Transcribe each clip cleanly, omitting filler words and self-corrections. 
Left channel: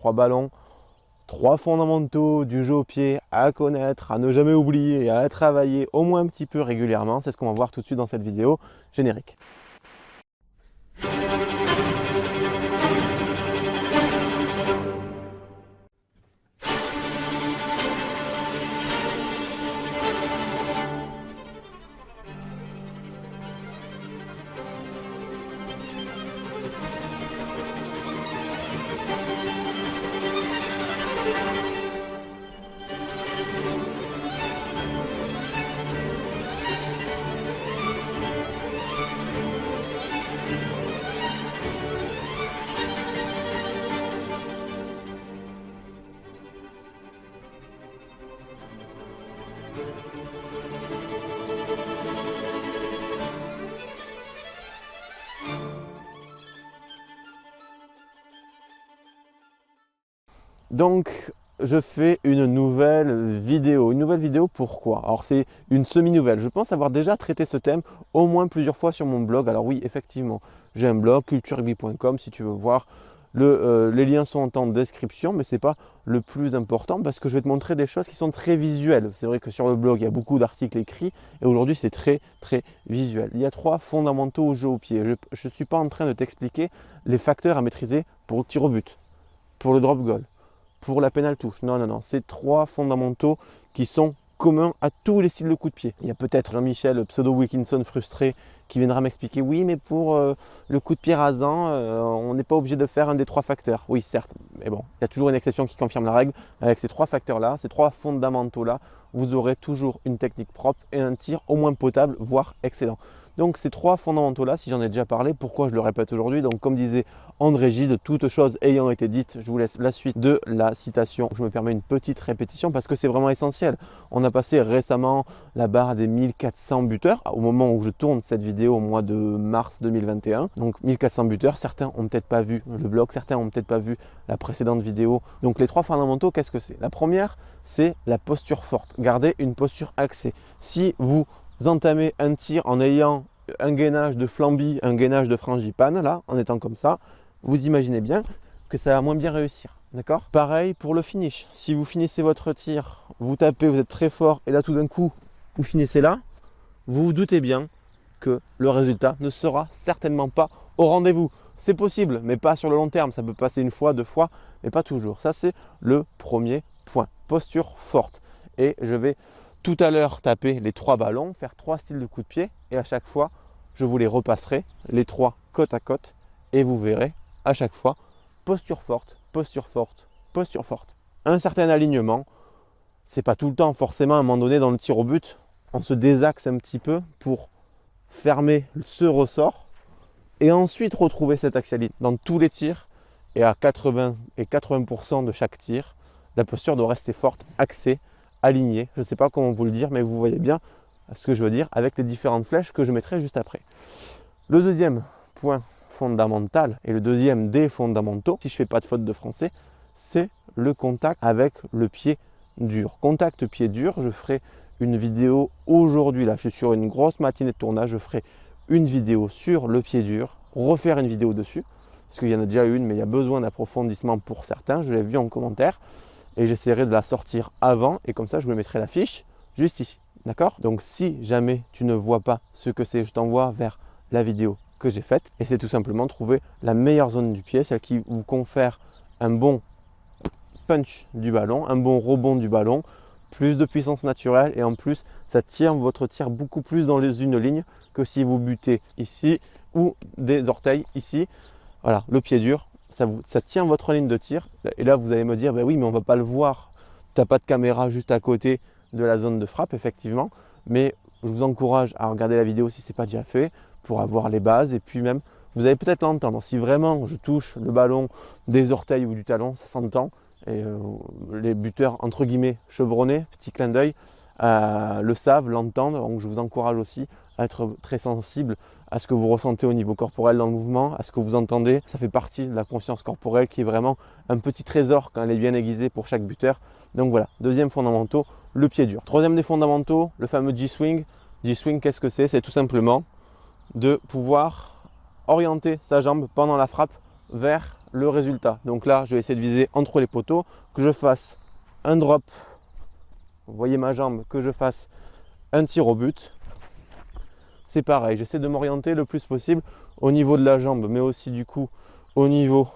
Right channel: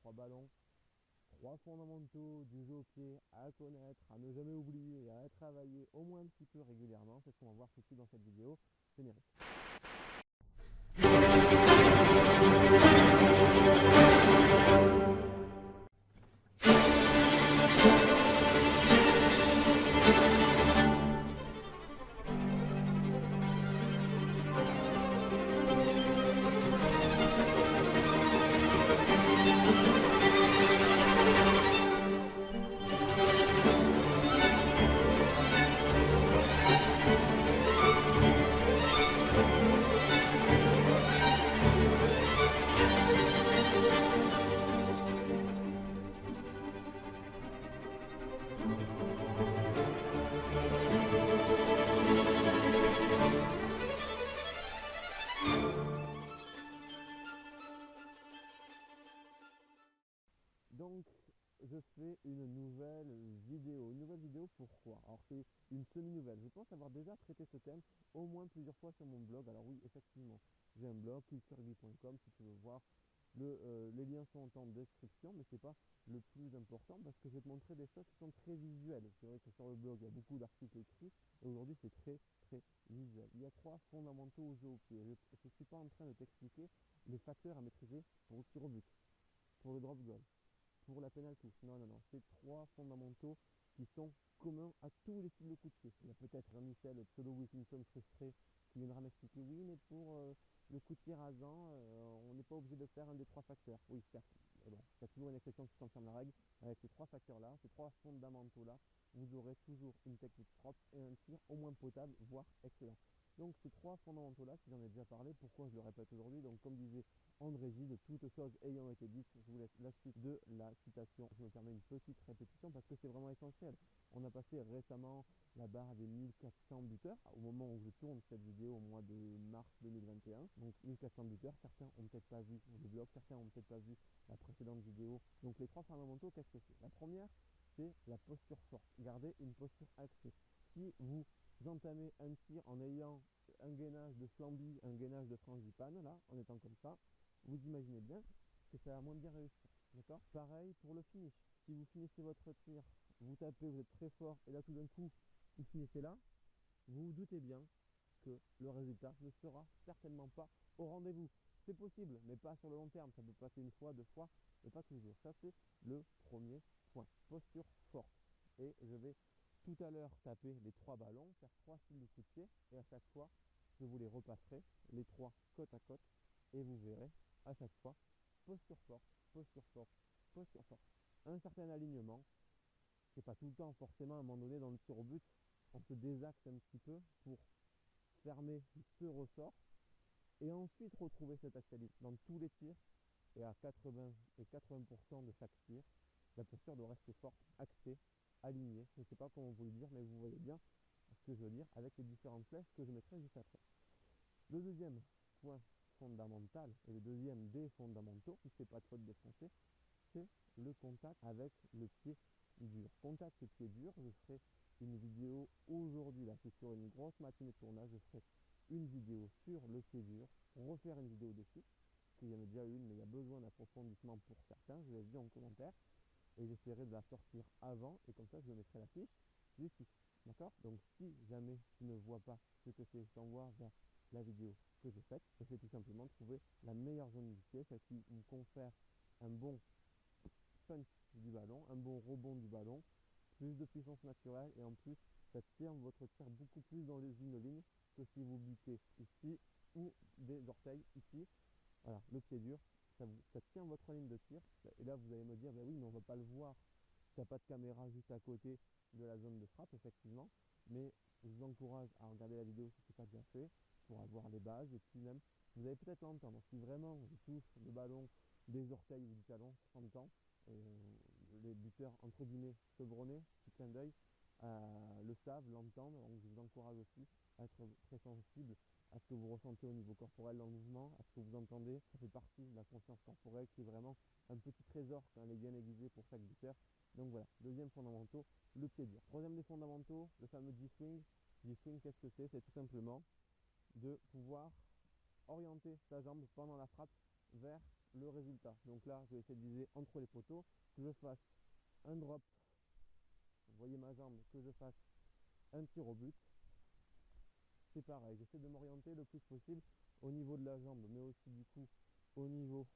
3 ballons, 3 fondamentaux du jeu au pied à connaître, à ne jamais oublier et à travailler au moins un petit peu régulièrement. C'est ce qu'on va voir tout de suite dans cette vidéo générique. Donc, je fais une nouvelle vidéo. Une nouvelle vidéo, pourquoi? Alors, c'est une semi-nouvelle. Je pense avoir déjà traité ce thème au moins plusieurs fois sur mon blog. Alors oui, effectivement, j'ai un blog, culturegby.com, si tu veux voir. Les liens sont en description, mais ce n'est pas le plus important parce que je vais te montrer des choses qui sont très visuelles. C'est vrai que sur le blog, il y a beaucoup d'articles écrits et aujourd'hui, c'est très visuel. Il y a 3 fondamentaux au jeu au pied. Je ne suis pas en train de t'expliquer les facteurs à maîtriser pour le tir au but, pour le drop goal, pour la pénale touche. Non, non, non. C'est 3 fondamentaux qui sont communs à tous les styles de coup de pied. Il y a peut-être Jean-Michel pseudo-Wilkinson frustré qui viendra m'expliquer oui, mais pour le coup de pied rasant, on n'est pas obligé de faire un des 3 facteurs. Oui, certes, mais bon, il y a toujours une exception qui confirme la règle. Avec ces 3 facteurs-là, ces 3 fondamentaux-là, vous aurez toujours une technique propre et un tir au moins potable, voire excellent. Donc ces 3 fondamentaux-là, si j'en ai déjà parlé, pourquoi je le répète aujourd'hui? Donc comme disait André Gide, toutes choses ayant été dites, je vous laisse la suite de la citation. Je me permets une petite répétition parce que c'est vraiment essentiel. On a passé récemment la barre des 1400 buteurs au moment où je tourne cette vidéo au mois de mars 2021. Donc 1400 buteurs, certains n'ont peut-être pas vu le blog, certains n'ont peut-être pas vu la précédente vidéo. Donc les 3 fondamentaux, qu'est-ce que c'est? La première, c'est la posture forte. Gardez une posture axée. Si vous entamez un tir en ayant un gainage de flamby, un gainage de frangipane, là, en étant comme ça, vous imaginez bien que ça va moins bien réussir. D'accord? Pareil pour le finish. Si vous finissez votre tir, vous tapez, vous êtes très fort, et là tout d'un coup, vous finissez là, vous vous doutez bien que le résultat ne sera certainement pas au rendez-vous. C'est possible, mais pas sur le long terme. Ça peut passer une fois, 2 fois, mais pas toujours. Ça, c'est le premier point. Posture forte. Et je vais tout à l'heure taper les 3 ballons, faire 3 styles de coup de pied, et à chaque fois, je vous les repasserai, les 3 côte à côte, et vous verrez à chaque fois, posture forte, posture forte, posture forte. Un certain alignement, c'est pas tout le temps forcément à un moment donné dans le tir au but, on se désaxe un petit peu pour fermer ce ressort et ensuite retrouver cette axialité. Dans tous les tirs et à 80% de chaque tir, la posture doit rester forte, axée, alignée. Je ne sais pas comment vous le dire, mais vous voyez bien ce que je veux dire avec les différentes flèches que je mettrai juste après. Le deuxième point fondamental et le deuxième des fondamentaux, si je ne fais pas de faute de français, c'est le contact avec le pied dur. Contact pied dur, je ferai une vidéo aujourd'hui, là je suis sur une grosse matinée de tournage, je ferai une vidéo sur le pied dur, refaire une vidéo dessus, parce qu'il y en a déjà une, mais il y a besoin d'approfondissement pour certains, je l'ai vu en commentaire, et j'essaierai de la sortir avant, et comme ça je vous mettrai la fiche juste ici, d'accord? Donc si jamais tu ne vois pas ce que c'est, je t'envoie vers la vidéo que j'ai faite, et c'est tout simplement trouver la meilleure zone du pied, celle qui vous confère un bon punch du ballon, un bon rebond du ballon, plus de puissance naturelle et en plus ça tire votre tir beaucoup plus dans une ligne que si vous butez ici ou des orteils ici. Voilà, le pied dur, ça tient votre ligne de tir et là vous allez me dire, ben oui mais on va pas le voir, tu n'as pas de caméra juste à côté de la zone de frappe effectivement, mais je vous encourage à regarder la vidéo si ce n'est pas déjà fait pour avoir les bases et puis même vous allez peut-être l'entendre. Si vraiment je touche le ballon des orteils ou du talon, ça s'entend. Et les buteurs entre guillemets chevronnés, petit clin d'œil, le savent, l'entendent. Donc je vous encourage aussi à être très sensible à ce que vous ressentez au niveau corporel dans le mouvement, à ce que vous entendez. Ça fait partie de la conscience corporelle qui est vraiment un petit trésor quand elle est bien aiguisée pour chaque buteur. Donc voilà, deuxième fondamentaux, le pied dur. Troisième des fondamentaux, le fameux G-swing. G-swing, qu'est-ce que c'est? C'est tout simplement de pouvoir orienter sa jambe pendant la frappe vers le résultat. Donc là, je vais essayer de viser entre les poteaux, que je fasse un drop, vous voyez ma jambe, que je fasse un tir au but. C'est pareil, j'essaie de m'orienter le plus possible au niveau de la jambe, mais aussi du coup au niveau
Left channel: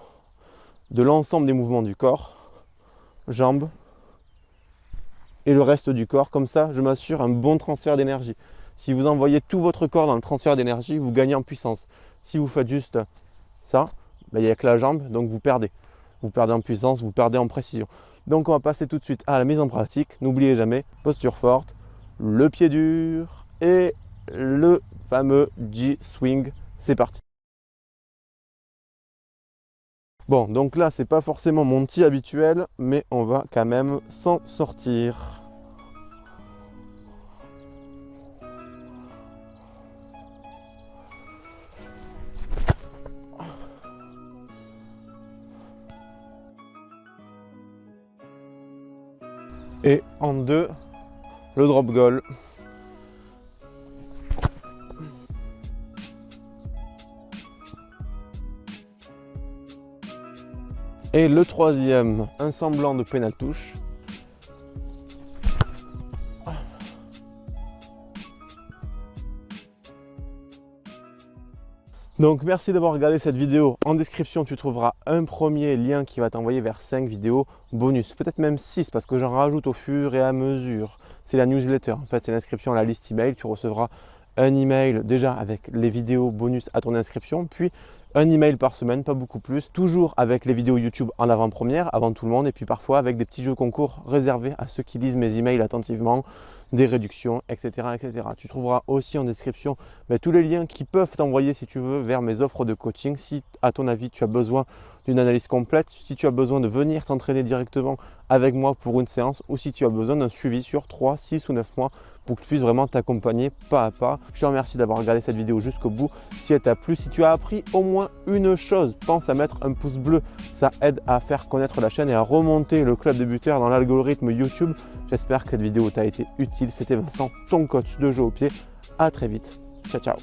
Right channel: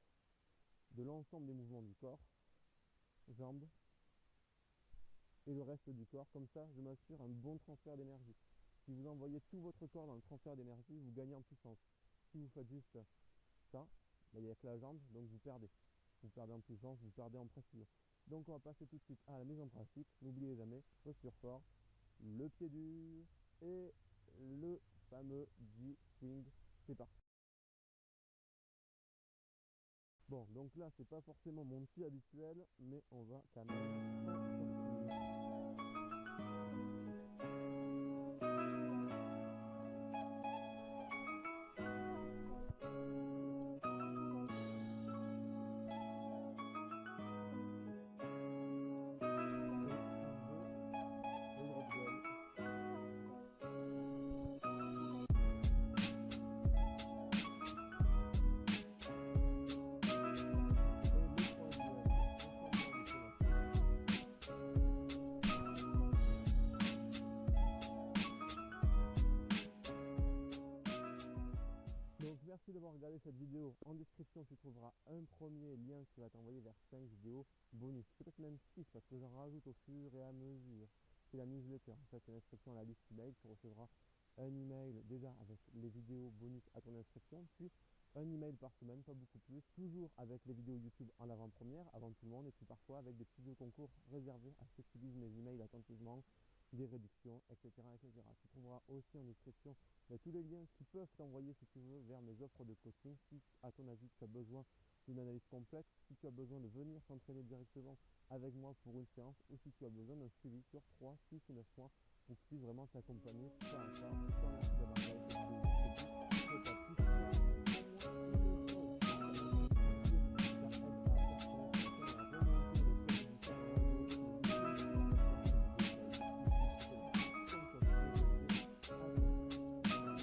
de l'ensemble des mouvements du corps, jambes et le reste du corps. Comme ça, je m'assure un bon transfert d'énergie. Si vous envoyez tout votre corps dans le transfert d'énergie, vous gagnez en puissance. Si vous faites juste ça, ben, il n'y a que la jambe, donc vous perdez. Vous perdez en puissance, vous perdez en précision. Donc on va passer tout de suite à la mise en pratique. N'oubliez jamais, posture forte, le pied dur et le fameux G-swing. C'est parti. Bon, donc là, c'est pas forcément mon tir habituel, mais on va quand même s'en sortir. Et en deux, le drop goal. Et le troisième, un semblant de pénal touche. Donc merci d'avoir regardé cette vidéo. En description, tu trouveras un premier lien qui va t'envoyer vers 5 vidéos bonus, peut-être même 6 parce que j'en rajoute au fur et à mesure. C'est la newsletter, en fait c'est l'inscription à la liste email. Tu recevras un email déjà avec les vidéos bonus à ton inscription, puis un email par semaine, pas beaucoup plus, toujours avec les vidéos YouTube en avant-première, avant tout le monde, et puis parfois avec des petits jeux concours réservés à ceux qui lisent mes emails attentivement, des réductions, etc., etc. Tu trouveras aussi en description tous les liens qui peuvent t'envoyer, si tu veux, vers mes offres de coaching. Si à ton avis tu as besoin d'une analyse complète, si tu as besoin de venir t'entraîner directement avec moi pour une séance, ou si tu as besoin d'un suivi sur 3, 6 ou 9 mois pour que je puisse vraiment t'accompagner pas à pas. Je te remercie d'avoir regardé cette vidéo jusqu'au bout. Si elle t'a plu, si tu as appris au moins une chose, pense à mettre un pouce bleu. Ça aide à faire connaître la chaîne et à remonter le club de buteurs dans l'algorithme YouTube. J'espère que cette vidéo t'a été utile. C'était Vincent, ton coach de jeu au pied. À très vite. Ciao, ciao.